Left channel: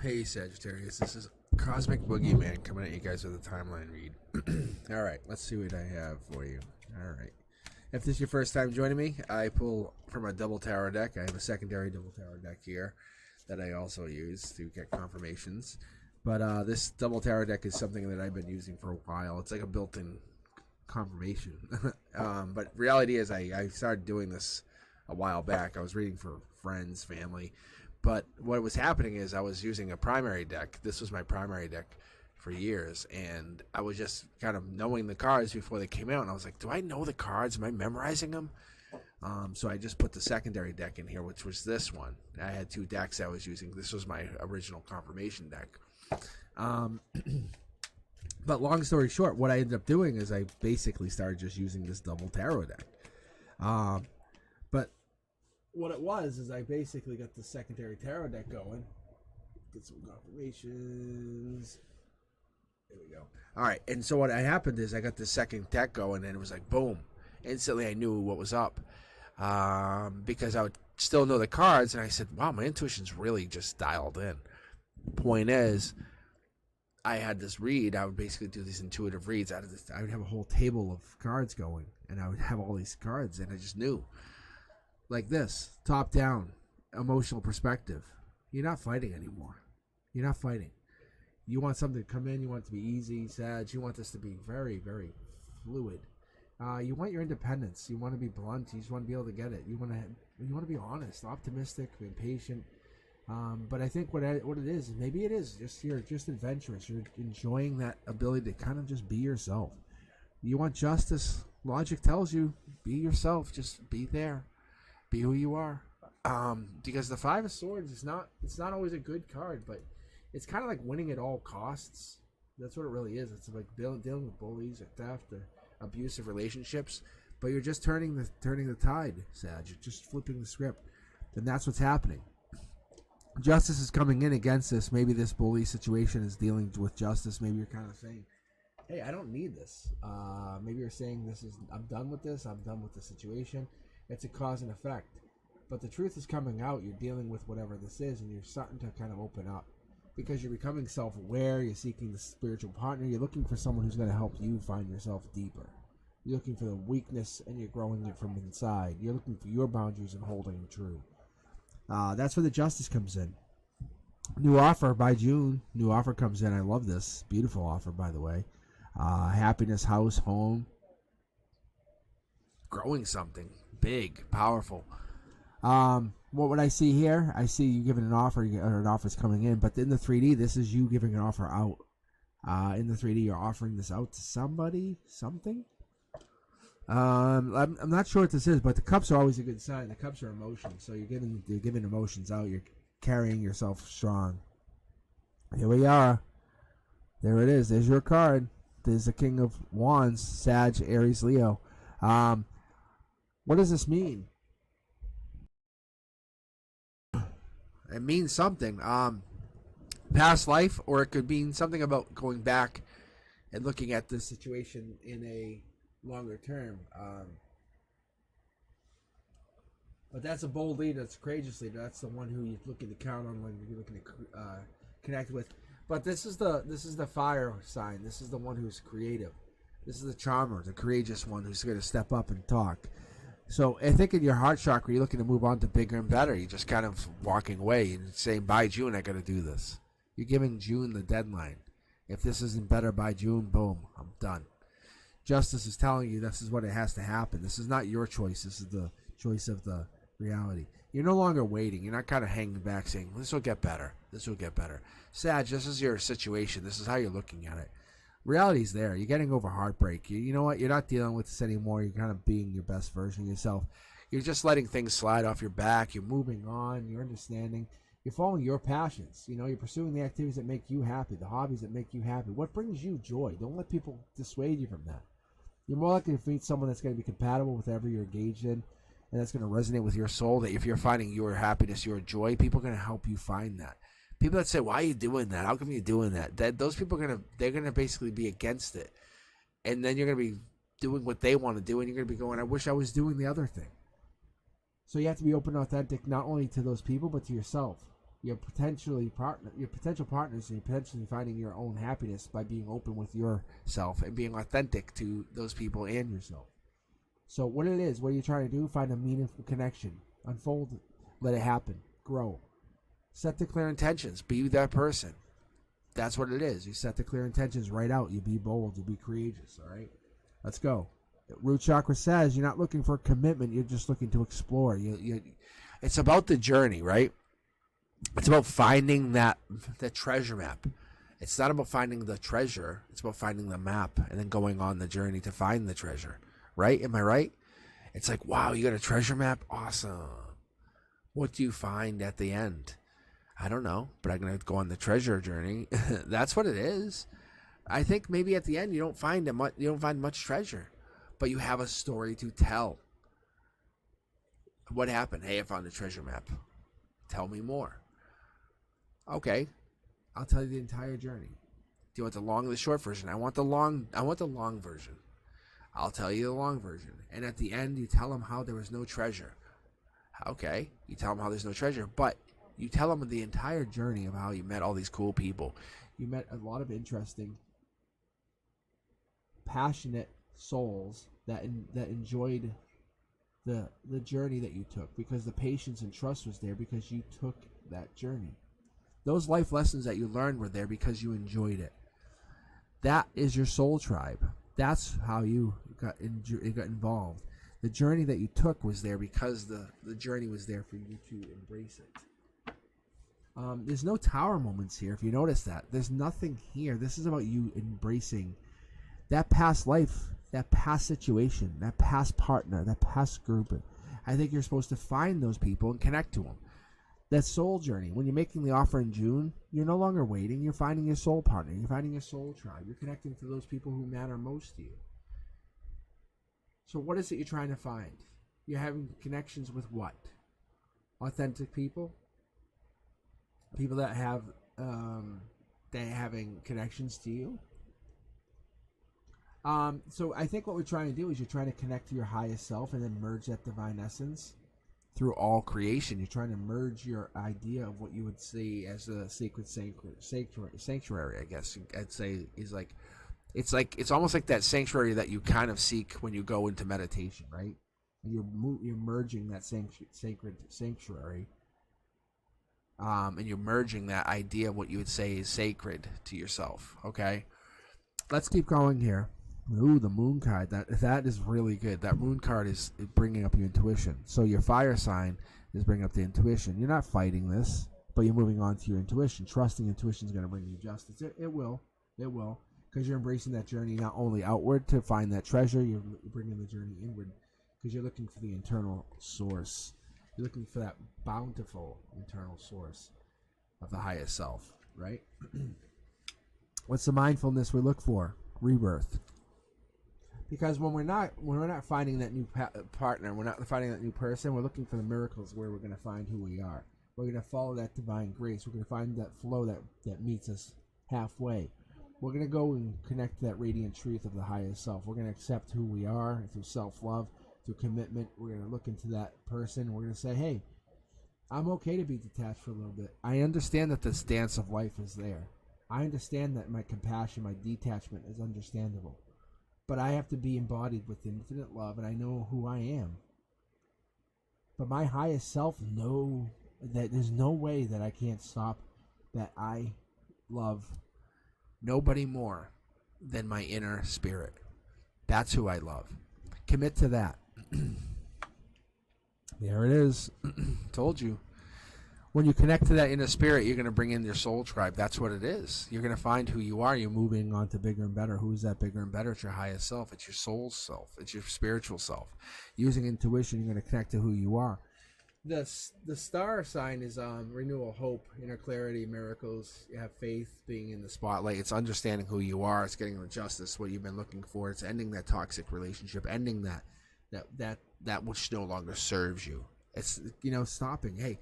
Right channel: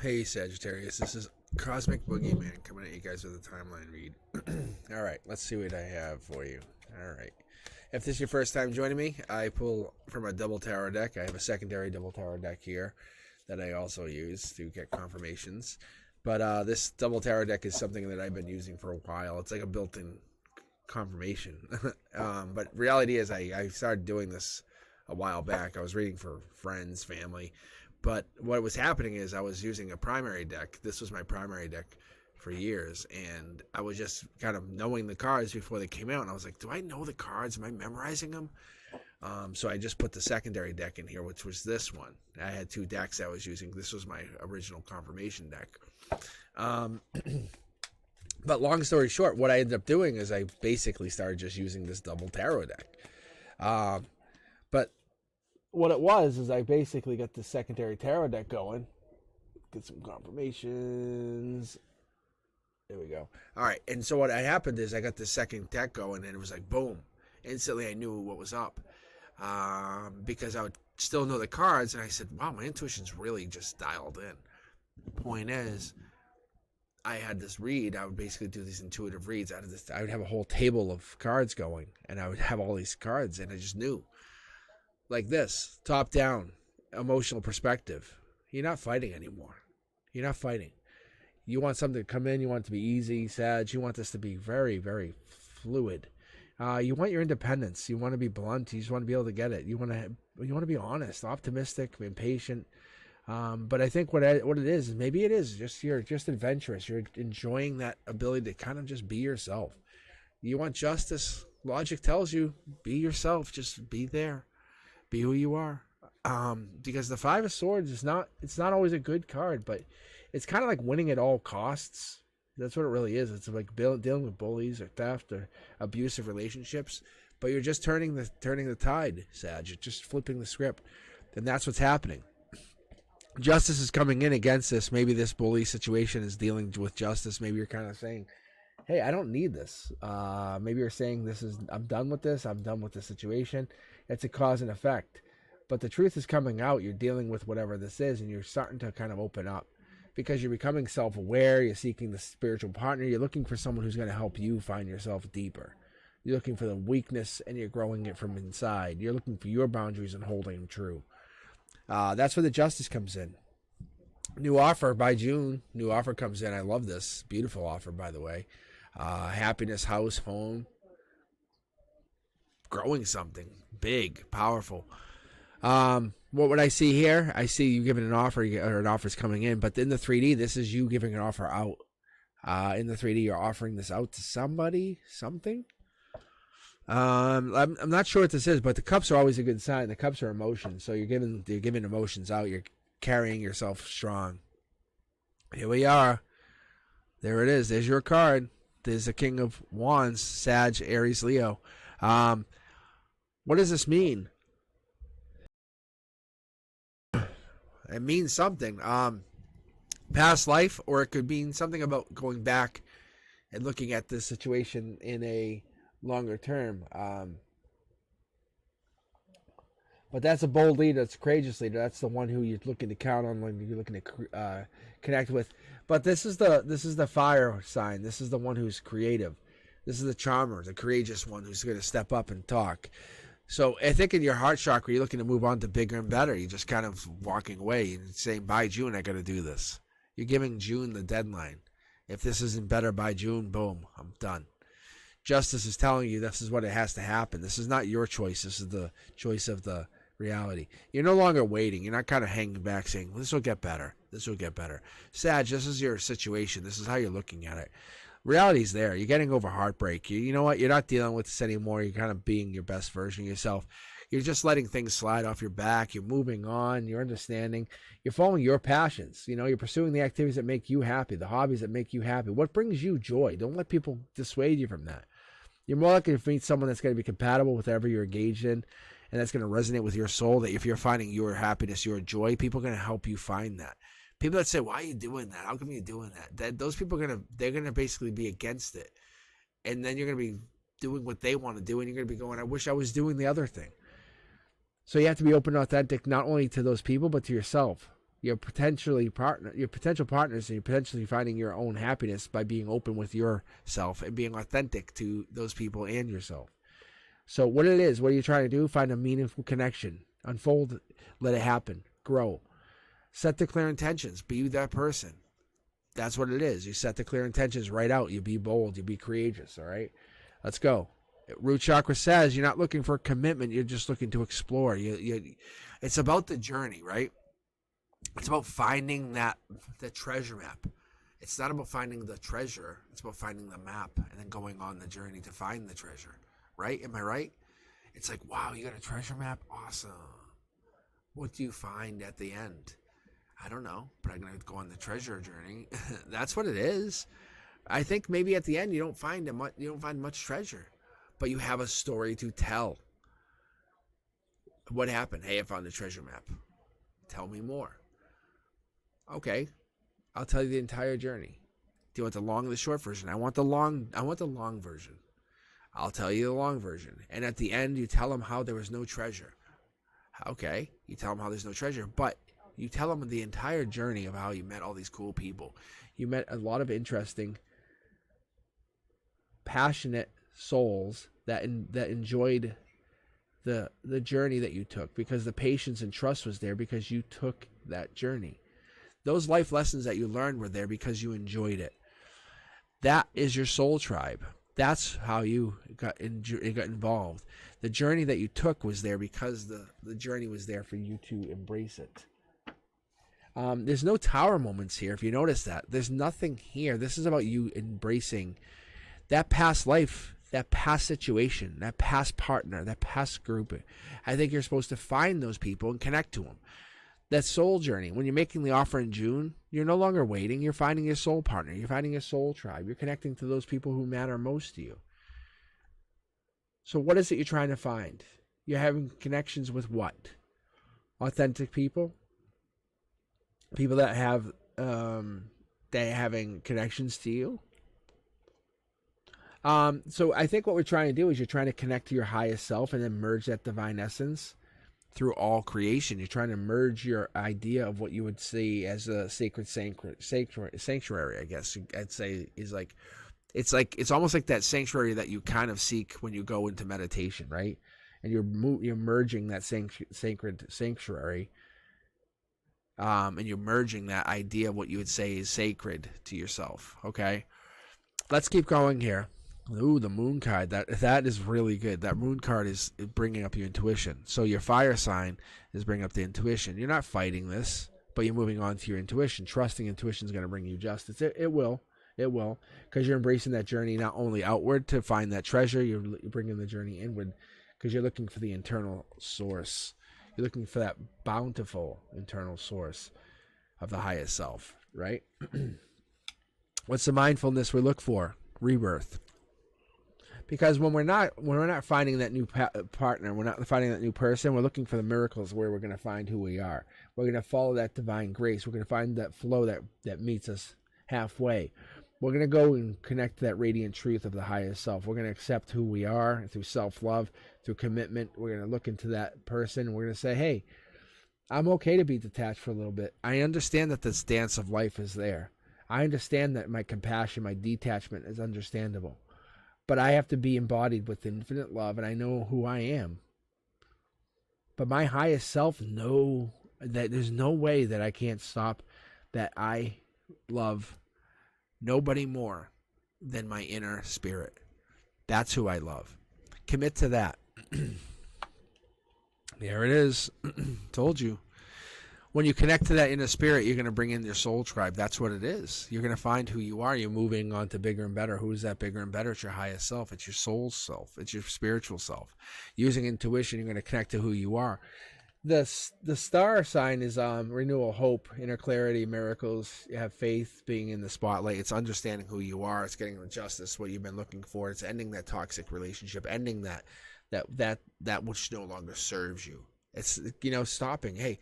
Hey Sagittarius, this is Cosmic Boogeyman coming at you guys with a timeline read. Alright, let's see what I have for you. Alright. If this is your first time joining me, I pull from a double tarot deck. I have a secondary double tarot deck here that I also use to get confirmations. But this double tarot deck is something that I've been using for a while. It's like a built-in confirmation. But reality is I started doing this a while back. I was reading for friends, family. But what was happening is I was using a primary deck. This was my primary deck for years, and I was just kind of knowing the cards before they came out, and I was like, do I know the cards? Am I memorizing them? So I just put the secondary deck in here, which was this one. I had two decks I was using. This was my original confirmation deck. But long story short, what I ended up doing is I basically started just using this double tarot deck. But what it was is I basically got the secondary tarot deck going. Get some confirmations. There we go. All right, and so what happened is I got the second deck going, and it was like boom. Instantly, I knew what was up because I would still know the cards, and I said, "Wow, my intuition's really just dialed in." Point is, I had this read. I would basically do these intuitive reads out of this. I would have a whole table of cards going, and I would have all these cards, and I just knew. Like this, top down, emotional perspective. You're not fighting anymore. You're not fighting. You want something to come in. You want it to be easy, Sag. You want this to be very, very fluid. You want your independence. You want to be blunt. You just want to be able to get it. You want to be honest, optimistic, impatient. But I think what it is maybe it is just you're just adventurous. You're enjoying that ability to kind of just be yourself. You want justice. Logic tells you be yourself. Just be there. Be who you are. Because the Five of Swords is it's not always a good card, but it's kind of like winning at all costs. That's what it really is. It's like dealing with bullies or theft or abusive relationships, but you're just turning the tide, Sag. You're just flipping the script. And that's what's happening. Justice is coming in against this. Maybe this bully situation is dealing with justice. Maybe you're kind of saying, hey, I don't need this. Maybe you're saying I'm done with this. I'm done with the situation. It's a cause and effect. But the truth is coming out. You're dealing with whatever this is, and you're starting to kind of open up because you're becoming self-aware. You're seeking the spiritual partner. You're looking for someone who's going to help you find yourself deeper. You're looking for the weakness, and you're growing it from inside. You're looking for your boundaries and holding them true. That's where the justice comes in. New offer by June. New offer comes in. I love this. Beautiful offer, by the way. Happiness, house, home. Growing something big, powerful. What would I see here? I see you giving an offer, or an offer's coming in, but in the 3D, this is you giving an offer out. In the 3D, you're offering this out to somebody, something. I'm not sure what this is, but the cups are always a good sign. The cups are emotions, so you're giving emotions out. You're carrying yourself strong. Here we are. There it is. There's your card. There's the King of Wands, Sag, Aries, Leo. What does this mean? It means something. Past life, or it could mean something about going back and looking at this situation in a longer term. But that's a bold leader. That's a courageous leader. That's the one who you're looking to count on, when you're looking to connect with. But this is the fire sign. This is the one who's creative. This is the charmer, the courageous one who's going to step up and talk. So I think in your heart chakra, you're looking to move on to bigger and better. You're just kind of walking away and saying, by June, I got to do this. You're giving June the deadline. If this isn't better by June, boom, I'm done. Justice is telling you this is what it has to happen. This is not your choice. This is the choice of the reality. You're no longer waiting. You're not kind of hanging back saying, this will get better. This will get better. Sag, this is your situation. This is how you're looking at it. Reality's there. You're getting over heartbreak. You know what? You're not dealing with this anymore. You're kind of being your best version of yourself. You're just letting things slide off your back. You're moving on. You're understanding. You're following your passions. You're pursuing the activities that make you happy, the hobbies that make you happy. What brings you joy? Don't let people dissuade you from that. You're more likely to meet someone that's going to be compatible with whatever you're engaged in, and that's going to resonate with your soul. That if you're finding your happiness, your joy, people are going to help you find that. People that say, why are you doing that? How come you're doing that? Those people they're gonna basically be against it. And then you're gonna be doing what they want to do, and you're gonna be going, I wish I was doing the other thing. So you have to be open and authentic, not only to those people, but to yourself. your potential partners, and you're potentially finding your own happiness by being open with yourself and being authentic to those people and yourself. So what it is, what are you trying to do? Find a meaningful connection. Unfold, let it happen, grow. Set the clear intentions. Be that person. That's what it is. You set the clear intentions right out. You be bold. You be courageous, all right? Let's go. Root chakra says you're not looking for a commitment. You're just looking to explore. It's about the journey, right? It's about finding the treasure map. It's not about finding the treasure. It's about finding the map and then going on the journey to find the treasure. Right? Am I right? It's like, wow, you got a treasure map? Awesome. What do you find at the end? I don't know, but I'm going to go on the treasure journey. That's what it is. I think maybe at the end you don't find much treasure, but you have a story to tell. What happened? Hey, I found the treasure map. Tell me more. Okay, I'll tell you the entire journey. Do you want the long or the short version? I want the long version. I'll tell you the long version. And at the end, you tell them how there was no treasure. Okay, you tell them how there's no treasure, but you tell them the entire journey of how you met all these cool people. You met a lot of interesting, passionate souls that enjoyed the journey that you took, because the patience and trust was there because you took that journey. Those life lessons that you learned were there because you enjoyed it. That is your soul tribe. That's how you got involved. The journey that you took was there because the journey was there for you to embrace it. There's no tower moments here, if you notice that. There's nothing here. This is about you embracing that past life, that past situation, that past partner, that past group. I think you're supposed to find those people and connect to them. That soul journey, when you're making the offer in June, you're no longer waiting. You're finding your soul partner. You're finding your soul tribe. You're connecting to those people who matter most to you. So what is it you're trying to find? You're having connections with what? Authentic people? People that have they're having connections to you. So I think what we're trying to do is you're trying to connect to your highest self and then merge that divine essence through all creation. You're trying to merge your idea of what you would see as a sacred sanctuary, I guess I'd say, is like it's almost like that sanctuary that you kind of seek when you go into meditation, right? And you're merging that sacred sanctuary. And you're merging that idea of what you would say is sacred to yourself. Okay, let's keep going here. Ooh, the moon card. That is really good. That moon card is bringing up your intuition. So your fire sign is bringing up the intuition. You're not fighting this, but you're moving on to your intuition. Trusting intuition is going to bring you justice. It will, because you're embracing that journey not only outward to find that treasure. You're bringing the journey inward because you're looking for the internal source. You're looking for that bountiful internal source of the highest self, right? What's the mindfulness we look for? Rebirth. Because when we're not finding that new partner, we're not finding that new person, we're looking for the miracles where we're going to find who we are. We're going to follow that divine grace. We're going to find that flow that meets us halfway. We're going to go and connect to that radiant truth of the highest self. We're going to accept who we are through self-love, through commitment. We're going to look into that person and we're going to say, hey, I'm okay to be detached for a little bit. I understand that this dance of life is there. I understand that my compassion, my detachment is understandable. But I have to be embodied with infinite love, and I know who I am. But my highest self knows that there's no way that I can't stop that I love nobody more than my inner spirit. That's who I love. Commit to that. There it is. Told you. When you connect to that inner spirit, you're going to bring in your soul tribe. That's what it is. You're going to find who you are. You're moving on to bigger and better. Who is that bigger and better? It's your highest self. It's your soul self. It's your spiritual self. Using intuition, you're going to connect to who you are. The star sign is renewal, hope, inner clarity, miracles. You have faith, being in the spotlight. It's understanding who you are. It's getting the justice, what you've been looking for. It's ending that toxic relationship, ending that which no longer serves you. It's, stopping. Hey,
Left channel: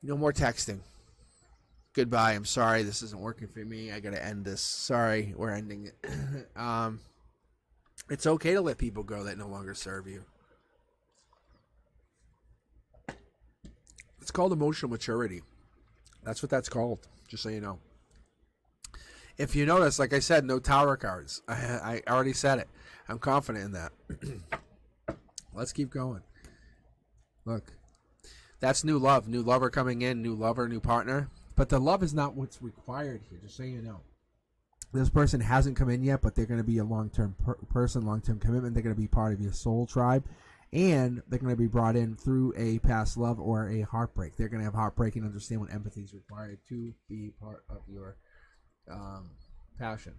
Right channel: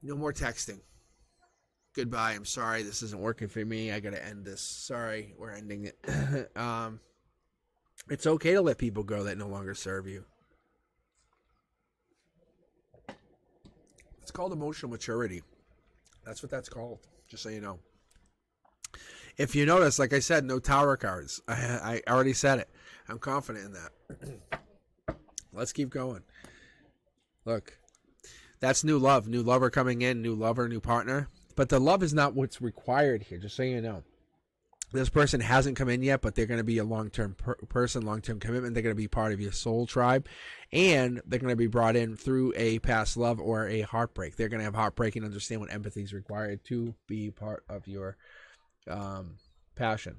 no more texting. Goodbye. I'm sorry. This isn't working for me. I got to end this. Sorry. We're ending it. It's okay to let people go that no longer serve you. It's called emotional maturity. That's what that's called, just so you know. If you notice, like I said, no tower cards. I already said it. I'm confident in that. Let's keep going. Look, that's new love. New lover coming in, new lover, new partner. But the love is not what's required here, just so you know. This person hasn't come in yet, but they're going to be a long-term person, long-term commitment. They're going to be part of your soul tribe. And they're going to be brought in through a past love or a heartbreak. They're going to have heartbreak and understand what empathy is required to be part of your passion.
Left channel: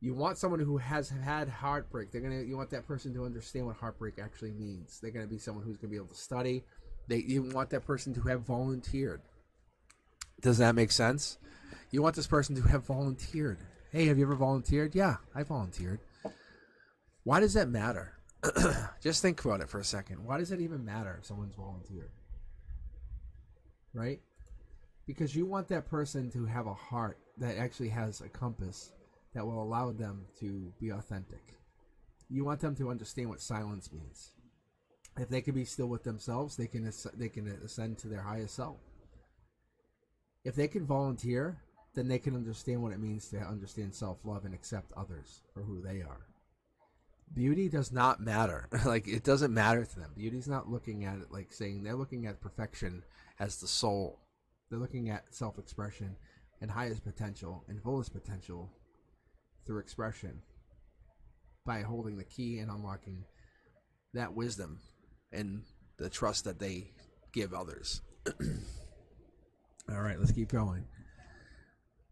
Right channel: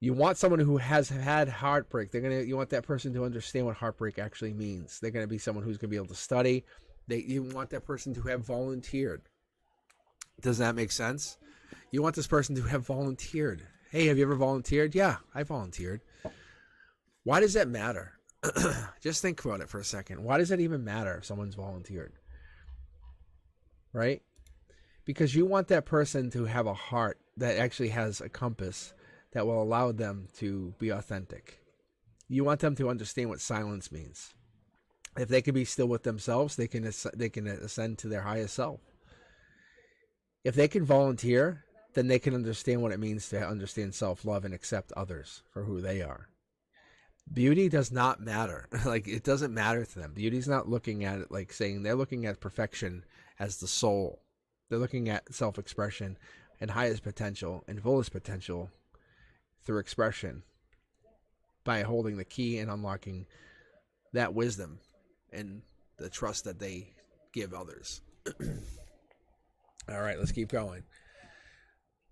You want someone who has had heartbreak. You want that person to understand what heartbreak actually means. They're going to be someone who's going to be able to study. You want that person to have volunteered. Does that make sense? You want this person to have volunteered. Hey, have you ever volunteered? Yeah, I volunteered. Why does that matter? Just think about it for a second. Why does that even matter if someone's volunteered? Right? Because you want that person to have a heart that actually has a compass that will allow them to be authentic. You want them to understand what silence means. If they can be still with themselves, they can ascend to their highest self. If they can volunteer, then they can understand what it means to understand self-love and accept others for who they are. Beauty does not matter. Like, it doesn't matter to them. Beauty's not looking at it like saying, they're looking at perfection as the soul. They're looking at self-expression and highest potential and fullest potential through expression by holding the key and unlocking that wisdom and the trust that they give others. All right, let's keep going.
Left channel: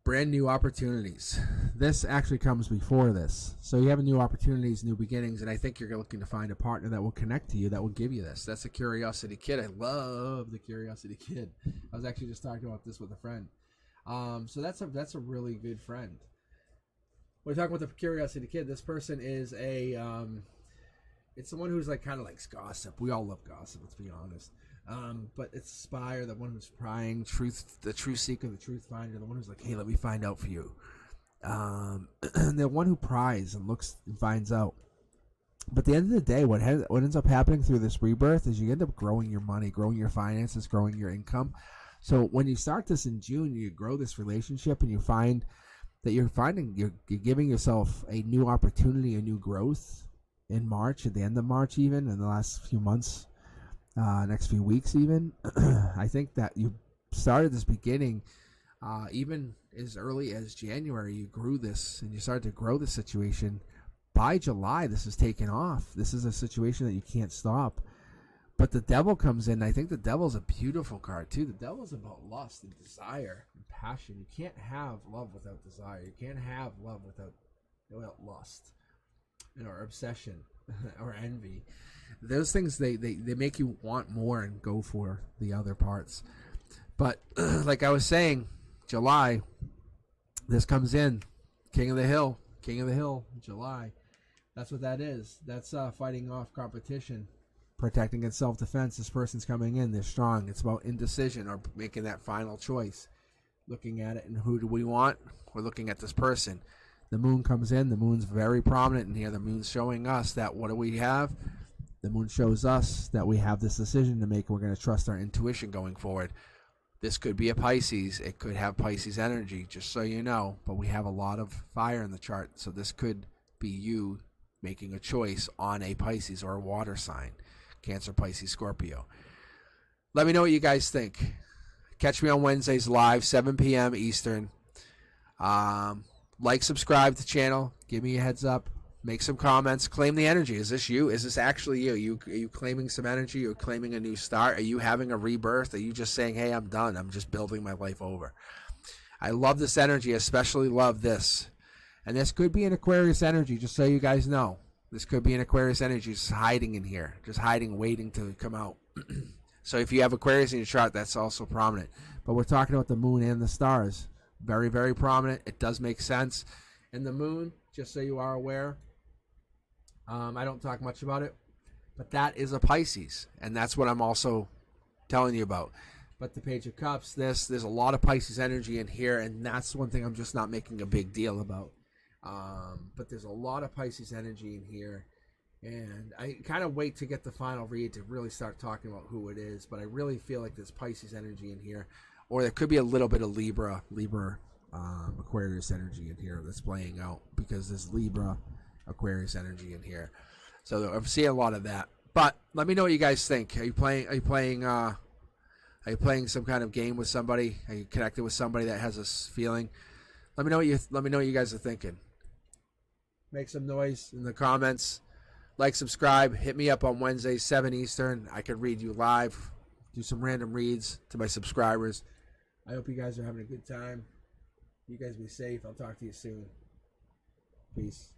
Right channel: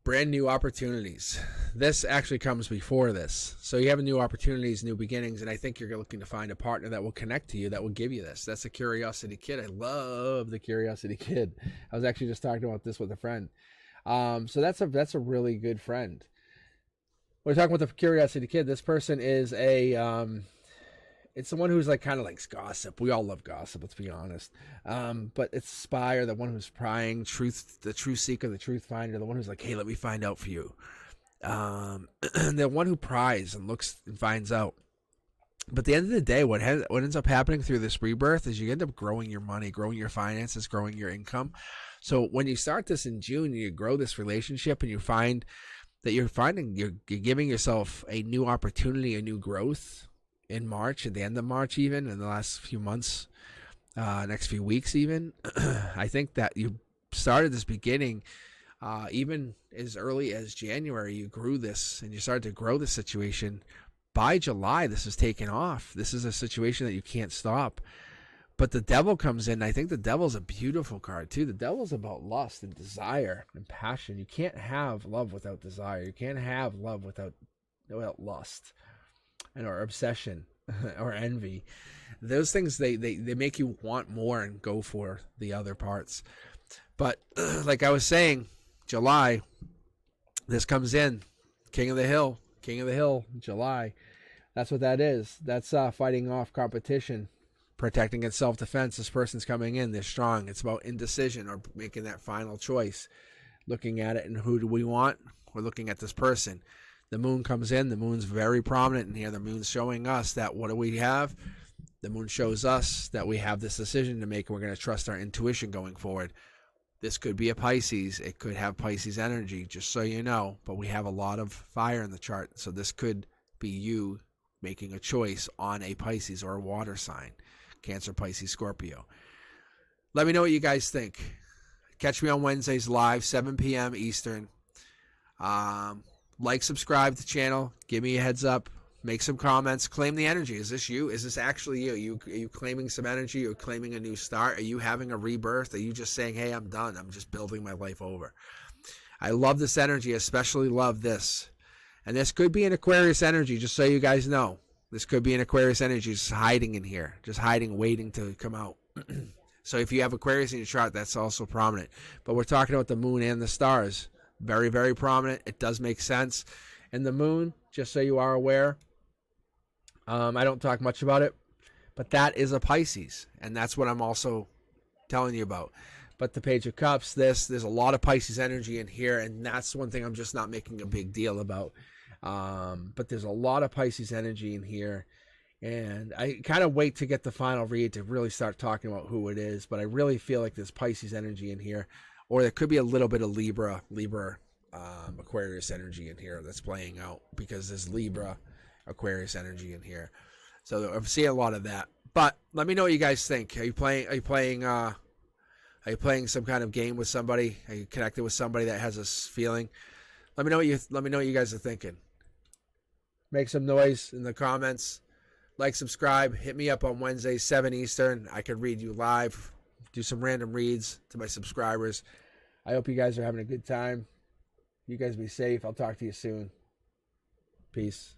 Brand new opportunities. This actually comes before this. So you have new opportunities, new beginnings, and I think you're looking to find a partner that will connect to you, that will give you this. That's a curiosity kid. I love the curiosity kid. I was actually just talking about this with a friend. So that's a really good friend. We're talking about the curiosity kid. This person is it's someone who's like kind of likes gossip. We all love gossip, let's be honest. But it's a spy, or the one who's prying, the truth seeker, the truth finder, the one who's like, hey, let me find out for you. The one who pries and looks and finds out. But at the end of the day, what ends up happening through this rebirth is you end up growing your money, growing your finances, growing your income. So when you start this in June, you grow this relationship, and you find that you're giving yourself a new opportunity, a new growth in March, at the end of March, even in the last few months, next few weeks even. I think that you started this beginning even as early as January. You grew this, and you started to grow the situation. By July, this is taken off. This is a situation that you can't stop. But the devil comes in. I think the devil's a beautiful card too. The devil's about lust and desire and passion. You can't have love without desire. You can't have love without lust or obsession or envy. Those things, they make you want more and go for the other parts. But like I was saying, July, this comes in. King of the Hill, July. That's what that is. That's fighting off competition, protecting against self-defense. This person's coming in. They're strong. It's about indecision or making that final choice. Looking at it, and who do we want? We're looking at this person. The moon comes in. The moon's very prominent in here. The moon's showing us that what do we have? The moon shows us that we have this decision to make. We're going to trust our intuition going forward. This could be a Pisces. It could have Pisces energy, just so you know. But we have a lot of fire in the chart. So this could be you making a choice on a Pisces or a water sign. Cancer, Pisces, Scorpio. Let me know what you guys think. Catch me on Wednesdays live, 7 p.m. Eastern. Like, subscribe to the channel. Give me a heads up. Make some comments. Claim the energy. Is this you? Is this actually you? Are you claiming some energy? Are you claiming a new start? Are you having a rebirth? Are you just saying, hey, I'm done. I'm just building my life over? I love this energy. Especially love this. And this could be an Aquarius energy, just so you guys know. This could be an Aquarius energy just hiding in here. Just hiding, waiting to come out. So if you have Aquarius in your chart, that's also prominent. But we're talking about the moon and the stars. Very, very prominent. It does make sense. And the moon, just so you are aware, I don't talk much about it, but that is a Pisces. And that's what I'm also telling you about. But the Page of Cups, there's a lot of Pisces energy in here, and that's one thing I'm just not making a big deal about. But there's a lot of Pisces energy in here, And I kind of wait to get the final read to really start talking about who it is. But I really feel like there's Pisces energy in here, or there could be a little bit of Libra, Aquarius energy in here that's playing out, because there's Libra, Aquarius energy in here. So I'm seeing a lot of that. But let me know what you guys think. Are you playing some kind of game with somebody? Are you connected with somebody that has this feeling? Let me know what you guys are thinking. Make some noise in the comments. Like, subscribe. Hit me up on Wednesdays, 7 Eastern. I can read you live. Do some random reads to my subscribers. I hope you guys are having a good time. You guys be safe. I'll talk to you soon. Peace.